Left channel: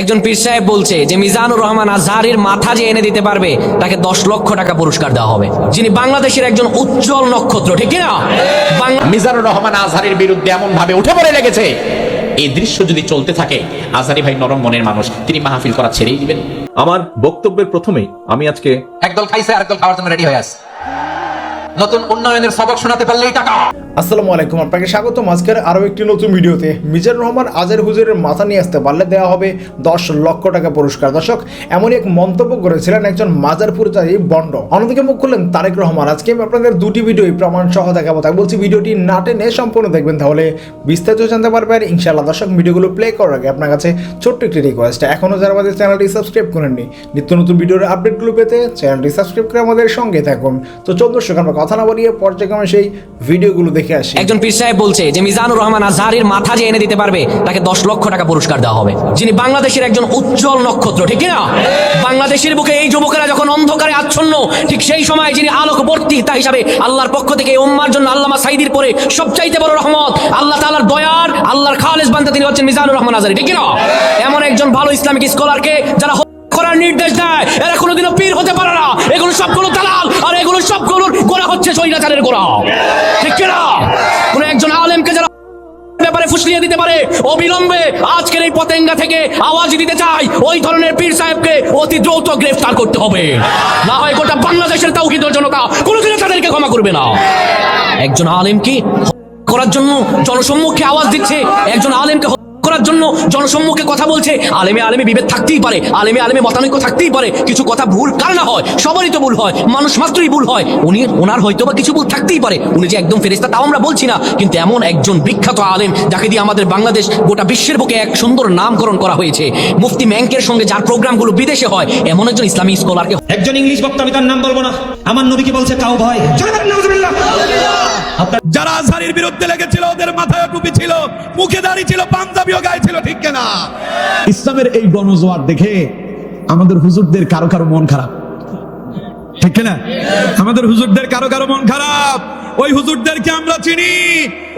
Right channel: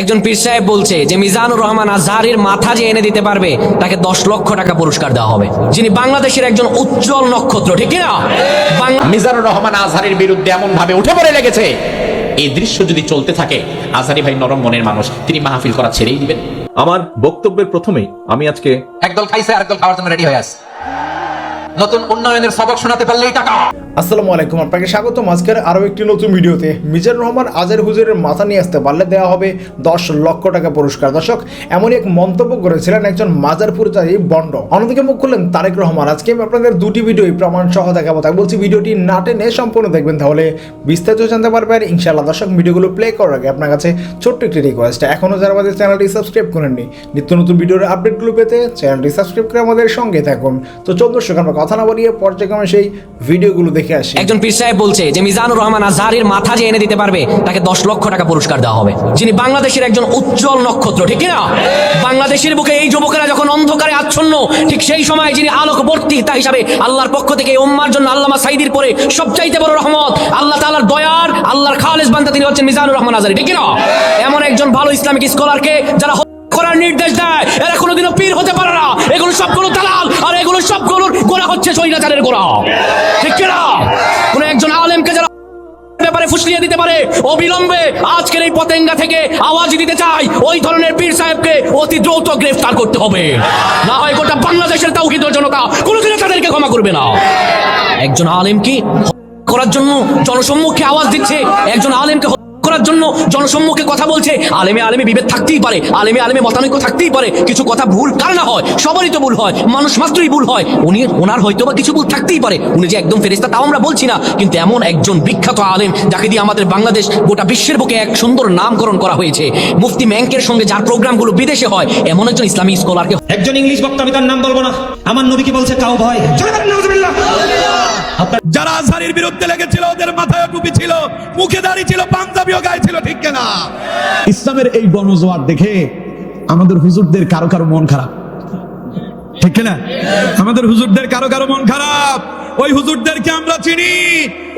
একজন পীর সাহেব বলছে যে মিজানুর রহমান আজহারির মাথা যে এনে দিতে পারবে তাকে দশ লক্ষ টাকা পুরস্কার দেওয়া হবে। যিনি বাংলাদেশের একজন উজ্জ্বল নক্ষত্র ঠিক না মিজানুর রহমান আজহারের বিরুদ্ধে এমন ভাবে উঠে পড়ে লেগেছে। এই দৃশ্য যদি চলতে থাকে আজহারি ভাই নরম মনের মানুষ তিনি মাহফিল করা ছেড়েই দিবেন। আমার বক্তব্যের প্রথমেই আমি আজকে একদল খাইছে আরেকদল খাওয়ার জন্য রেডি হয়ে আছে। নতুন উন্নয়নের সবক শোনাতে পারলেই টাকা। আসসালামু আলাইকুম, আপনাকে স্বাগত আজকের আরও একটি নতুন ভিডিওতে। মিজানুর রহমান, আজের হুজুরের মাথা নিয়ে আসতে পারলে দেওয়া হবে দশ লক্ষ টাকা পুরস্কার। দর্শক এমনই এক মন্তব্য করেছিলেন একজন মাজার পূজারী বন্ড। অন্যদিকে মুখ খুললেন তারেক রহমান। আজকে আমি আপনাদের দুটি ভিডিওই প্রমাণ সহ দেখাবো। তাই বলছি, ভিডিওটি না টেনে সম্পূর্ণ দেখবেন, তাহলে বিস্তারিত জানতে পারবেন। ইনশাআল্লাহ, দর্শক, ভিডিওগুলো প্লে করার আগে আপনার কাছে ছোট্ট একটি রিকোয়েস্ট এখনও যারা আমাদের চ্যানেলটি সাবস্ক্রাইব করেননি, নিত্য নতুন ভিডিওর আপডেটগুলো পেতে চ্যানেলটি সাবস্ক্রাইব করে আমাদের সঙ্গে থাকুন। তো চল দর্শক, আমরা কথা না বাড়িয়ে পর্যায়ক্রমে সেই ভিডিওগুলো দেখে আসি। একজন পীর সাহেব বলছে যে মিজানুর রহমান আজহারির মাথা যে এনে দিতে পারবে, তাকে দশ লক্ষ টাকা পুরস্কার দেওয়া হবে। যিনি বাংলাদেশের একজন উজ্জ্বল নক্ষত্র, ঠিক না বাংলাদেশের বুকে এই যুবকেরা যখন অন্ধকারে আচ্ছন্ন, ঠিক সেই সময় যিনি আলোক বর্তিতা হিসাবে আল্লাহর পক্ষ থেকে উম্মার জন্য আল্লামা সাইদির পরে সবচাইতে বড় রহমত, আল্লাহ তাআলার দয়ার, আল্লাহর খালেস বার্তা তিনি হচ্ছেন মিজানুর রহমান আজহারি ঠিক না এমন একজন ভালো ইসলামিক স্কলারকে যারা করার নির্দেশ দেয়, এরা কোনোদিনও পীর হতে পারে না। এগুলো সব কোনো দালাল, আর এগুলো সব কোনো গোনা হচ্ছে সৈরাচারের গোনা ঠিক না কোন একজন আলেমকে যারা ব্যাপারে ফুসলিয়ে দিতে পারে, অবিলম্বে আজকের এই পতেঙ্গা থেকে আওয়াজ দিতে চাই ওই ধরনের পীর সাহেবকে অতি দ্রুত গ্রেফতার করতে হবে। না হয় গোটা বাংলাদেশের তৌহিদ জনতা কোনোদিনও তাদেরকে ক্ষমা করবে না। একজন আলেম কি করার জন্য জনসম্মুখে আওয়াজ দিচ্ছে? একজন আলেমকে জন্য জনসম্মুখে কথা বলছে। আলেমে আলেমে বিভেদ থাকতেই পারে। আলেমে আলেমে মতানৈক্য থাকতেই পারে। কিছু কথা ভুল কার না হয়, সবারই তো ভুল হয়, মানুষ মাত্রই ভুল হয়। উনি, ওনার হয়তো বা কিছু ভুল থাকতেই পারে। উনি যে একদম ফেরিস্তা তাও আমরা বলছি না। কিন্তু এমন একজন বিখ্যাত আলেম, যাকে দিয়ে আমাদের বাংলাদেশ গোটা বিশ্বের বুকে এক সুন্দর নামকরণ করা হয়েছে। মুফতি ম্যাঙ্কের সঙ্গে যার প্রোগ্রামগুলো বিদেশে হয়, এমন একজন ইসলামিক স্কলারকে একজন ইংলিশ বক্তা আমি তার নাম বলব না। আমার নবীকে বলছে, তাও ভয় যারা আজহারির বিরুদ্ধে লেগেছিল, ওদের মাথায় টুপি ছিল, মুখে দাঁড়িয়ে ছিল, পাঞ্জাবিও গায়ে ছিল, ঠিক না ইসলামের এই গণজোয়ার দেখে আমাদের হুজুরদের কারও কারও মন খারাপ। ঠিক না আমাদের হুজুরদের কারও কারও মন খারাপ। ওই হুজুরদেরকে আমরা চিনি।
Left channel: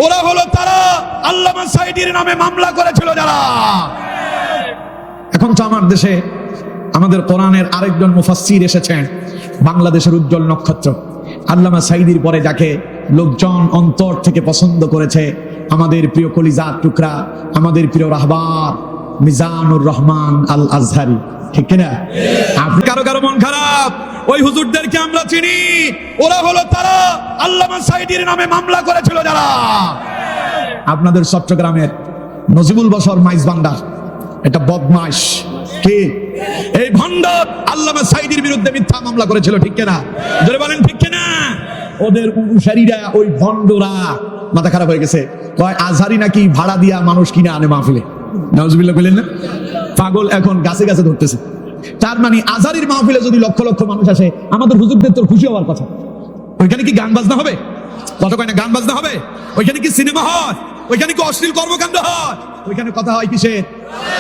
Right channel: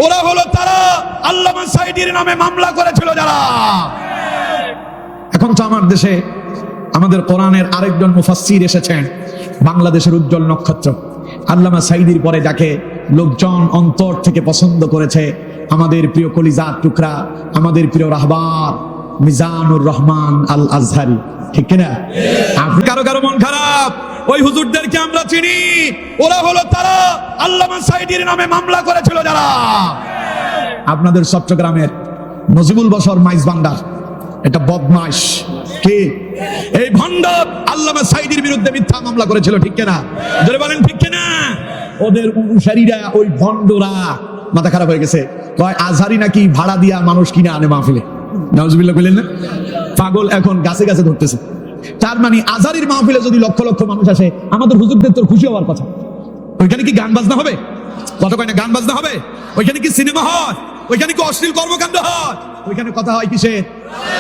ওরা হলো তারা আল্লামা সাইদির নামে মামলা করেছিল যারা। এখন তো আমার দেশে আমাদের কোরআনের আরেকজন মুফাসসির এসেছেন, বাংলাদেশের উজ্জ্বল নক্ষত্র। আল্লামা সাইদির পরে যাকে লোকজন অন্তর থেকে পছন্দ করেছে আমাদের প্রিয় কলিজার টুকরা, আমাদের প্রিয় রাহবাব মিজানুর রহমান আল আজহারি ঠিক আপনি কারও কারও মন খারাপ? ওই হুজুরদেরকে আমরা চিনি। ওরা হলো তারা আল্লামা সাইদির নামে মামলা করেছিল যারা। আপনাদের চট্টগ্রামের নজিমুল বসর মাইজ বান্ডার এটা বদমাস কি? এই ভণ্ড আল্লামা সাইদির বিরুদ্ধে মিথ্যা মামলা করেছিল, ঠিক কিনা? বলেন, ঠিক কিনা? ওদের অনুসারীরা ওই ভণ্ডরা মাথা খারাপ হয়ে গেছে। কয় আজহারি নাকি ভাড়া দিয়া মানুষ কিনে আনে মাহফিলে। নজবিল্লা বললেন না? পাগল এখন গাছে গাছে ধরতেছে। তার মানে আজহারির মাহফিলে যদি লক্ষ লক্ষ মানুষ আসে, আমাদের হুজুরদের তোর খুশি হওয়ার কথা। ওইখানে কি গান বাজনা হবে কয়টা গান বাজনা হবে? ওইখানে কি সিনেমা হয় ওইখানে কি অশ্লীল কর্মকাণ্ড হয়? ওইখানে কথা হয় কিসের?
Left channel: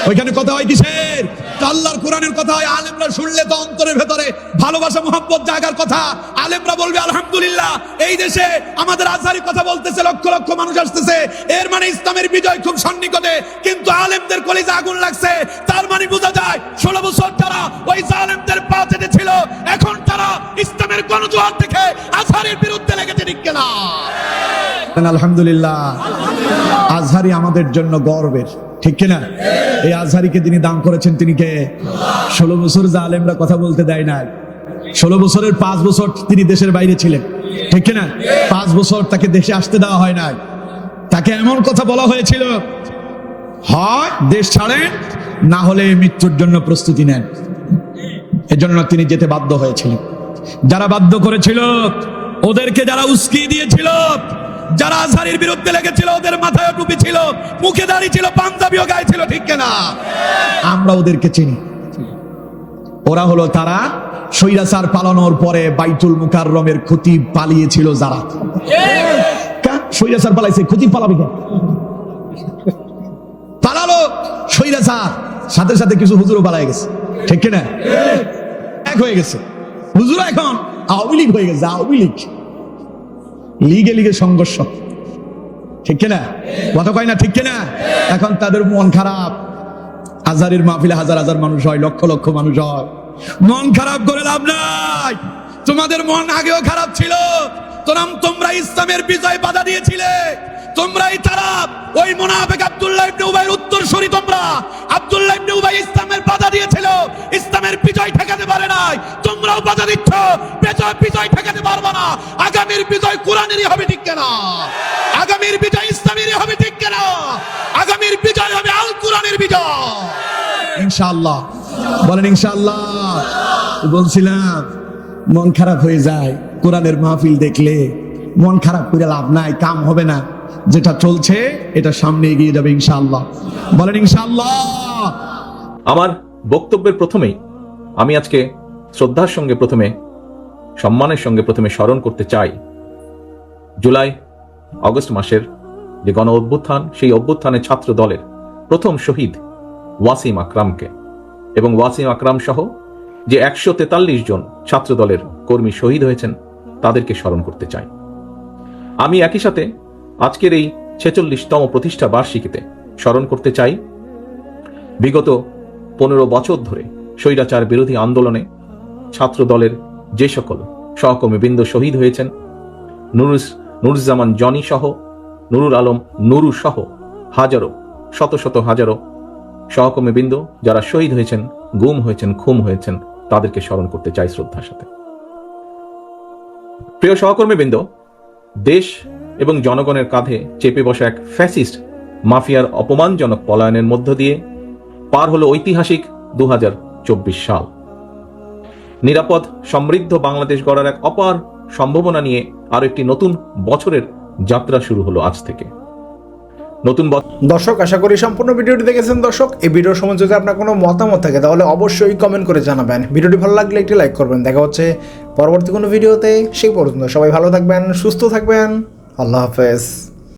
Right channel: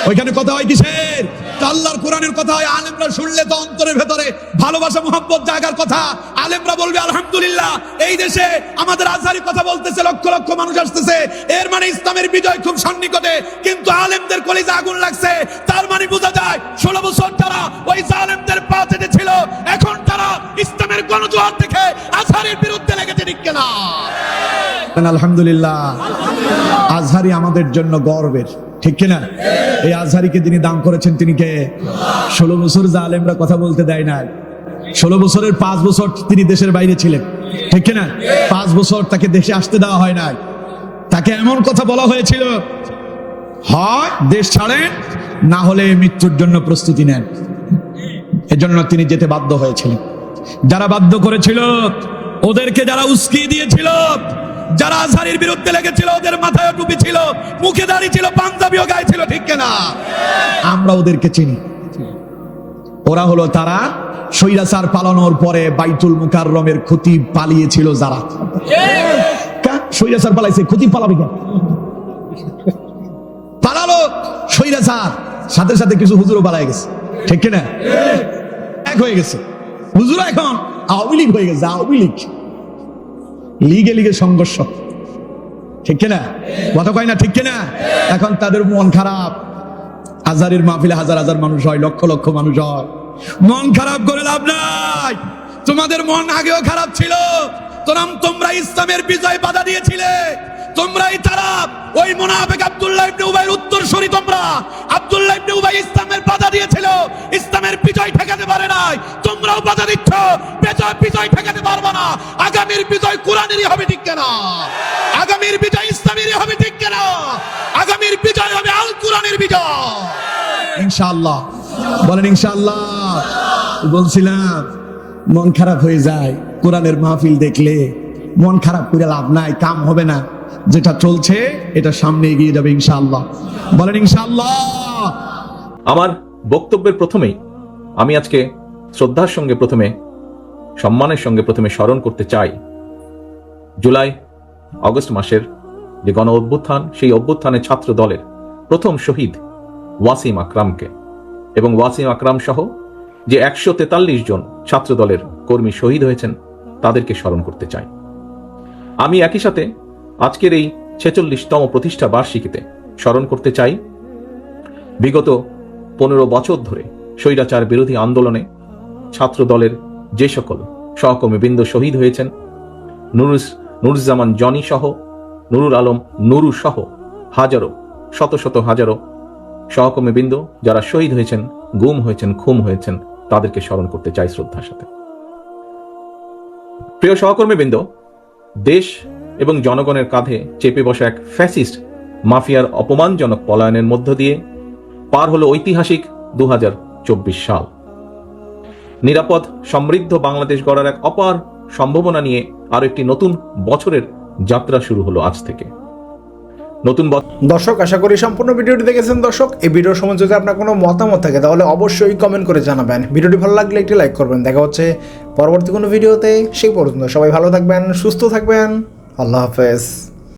ওইখানে কথা হয় কিসের? আল্লাহর কোরআনের কথা হয়, আলেমরা শুনলে তো অন্তরের ভেতরে ভালোবাসা মোহাম্মত জাগার কথা। আলেমরা বলবে, আলহামদুলিল্লাহ, এই দেশে আমাদের আজহারি কথা বলতেছে, লক্ষ লক্ষ মানুষ আসতেছে। এর মানে ইসলামের বিজয় খুব সন্নিকটে। কিন্তু আলেমদের কলিজা আগুন লাগছে। তার মানে বোঝা যায়, ষোলো বছর তারা ওই জালেমদের পা চেটে ছিল এখন তারা ইসলামের গণজোয়ার দিকে আজহারের বিরুদ্ধে লেগেছে ঠিক না আলহামদুলিল্লাহ। আজহারি আমাদের জন্য গর্বের। ঠিক কিনা? এই আজহারিকে যিনি দান করেছেন, তিনি কে? ষোলো বছর জালেমরা কথা বলতে দেয় না ষোলো বছরের পাঁচ বছর তিনি দেশের বাইরে ছিলেন। ঠিক কিনা? পাঁচ বছর তাকে দেশে আসতে দেওয়া হয় না তাকে এমন কথা বলা হয়েছিল, হয়, দেশ ছাড়েন, না হলে মৃত্যুর জন্য প্রস্তুতি নেন। এজন্য তিনি যেতে বাধ্য হয়েছিল যারা বাধ্য করেছিল, ওদেরকে যারা উস্কিয়ে দিয়েছিল যারা আসারির বিরুদ্ধে লেগেছিল, ওদের মাথায় টুপি ছিল, মুখে দাঁড়িয়ে ছিল, পাঞ্জাবিও গায়ে ছিল, ঠিক না আমরা ওদেরকে চিনি। ওরা হলো তারা পরে বাইতুল মুকাররমের ক্ষতি পালিয়েছিল যারা। পালাইছে? ক্ষতি পালাবে কেন পালালো সাথে সাথে কিছু হুজুরও পালাই গেছে। ঠিক কিনা? এক হয়ে গেছে। হুজুর এখন আওয়ামী লীগ হয়ে গেছে, আওয়ামী লীগ। সংঘর্ষ? ঠিক কিনা? কথা কয় না ঠিক কিনা? এখন তাদের মন খারাপ। আজারের মাহফিলে হাজার হাজার মানুষ হয়, লক্ষ লক্ষ মানুষ হয়। মন খারাপ করে লাভ নাই। তোমাদের মন আগেও খারাপ ছিল। তোমরা ইসলামের বিজয় বাধা দিয়েছিলে। তোমরাই তারা ওই মুনাফিক আব্দুল্লাহ ইবনে উবাইর উত্তরসূরি তোমরা। আব্দুল্লাহ ইবনে উবাই ইসলামের বাধা দিয়েছিল। ইসলামের বিজয় ঠেকাতে পারে নাই। বাধা দিচ্ছ বিজয় বিজয় ঠেকাতে পারবে না। আগামীর বিজয় কোরআনেরই হবে, ঠিক কেনা? আগামীর বিজয় ইসলামেরই হবে, ঠিক কেনা? আগামীর বিজয় হবে আল কোরআনের বিজয়। ইনশাআল্লাহ। বলেন, ইনশাআল্লাহ। বলছিলাম, মন খারাপ হয়ে যায়, কোরআনের মাহফিল দেখলে মন খারাপ করে লাভ নাই, কাম হবে না। যেটা চলছে, এটা সামনে এগিয়ে যাবে, ইনশাআল্লাহ। বলেন, ইনশাআল্লাহ। আমার বক্তব্যের প্রথমেই আমি আজকে শ্রদ্ধার সঙ্গে প্রথমে, সম্মানের সঙ্গে প্রথমে স্মরণ করতে চাই। জুলাই, অগস্ট মাসের যে গণ অভ্যুত্থান, সেই অভ্যুত্থানের ছাত্র দলের প্রথম শহীদ ওয়াসিম আকরামকে এবং ওয়াসিম আকরাম সহ যে একশো তেতাল্লিশ জন ছাত্র দলের কর্মী শহীদ হয়েছেন, তাদেরকে স্মরণ করতে চাই। আমি একই সাথে আজকের এই ছেচল্লিশতম প্রতিষ্ঠা বার্ষিকীতে স্মরণ করতে চাই, বিগত পনেরো বছর ধরে স্বৈরাচার বিরোধী আন্দোলনে ছাত্র দলের যে সকল সহকর্মীবৃন্দ শহীদ হয়েছেন, নুরুস, নুরুজ্জামান জনি সহ, নুরুল আলম, নুরু সহ হাজারো, শত শত হাজারো সহকর্মীবৃন্দ যারা শহীদ হয়েছেন, গুম হয়েছেন খুম হয়েছেন, তাদেরকে স্মরণ করতে চাই শ্রদ্ধার সাথে। প্রিয় সহকর্মীবৃন্দ দেশ এবং জনগণের কাঁধে চেপে বসা এক ফ্যাসিস্ট মাফিয়ার অপমানজনক পলায়নের মধ্য দিয়ে পার হলো ঐতিহাসিক দু হাজার চব্বিশ সাল। নিরাপদ, সমৃদ্ধ বাংলাদেশ গড়ার এক অপার সম্ভাবনা নিয়ে আরও একটি নতুন বছরের যাত্রা শুরু হলো আজ থেকে। নতুন দর্শক, আশা করি সম্পূর্ণ ভিডিওটি দেখেছেন দর্শক। এই ভিডিওর সময় যদি আপনার কোনো মতামত থাকে, তাহলে অবশ্যই কমেন্ট করে জানাবেন। ভিডিওটি ভালো লাগলে একটি লাইক করবেন। দেখা হচ্ছে পরবর্তী কোনো ভিডিওতে। সেই পর্যন্ত সবাই ভালো থাকবেন, সুস্থ থাকবেন। আল্লাহ হাফেজ।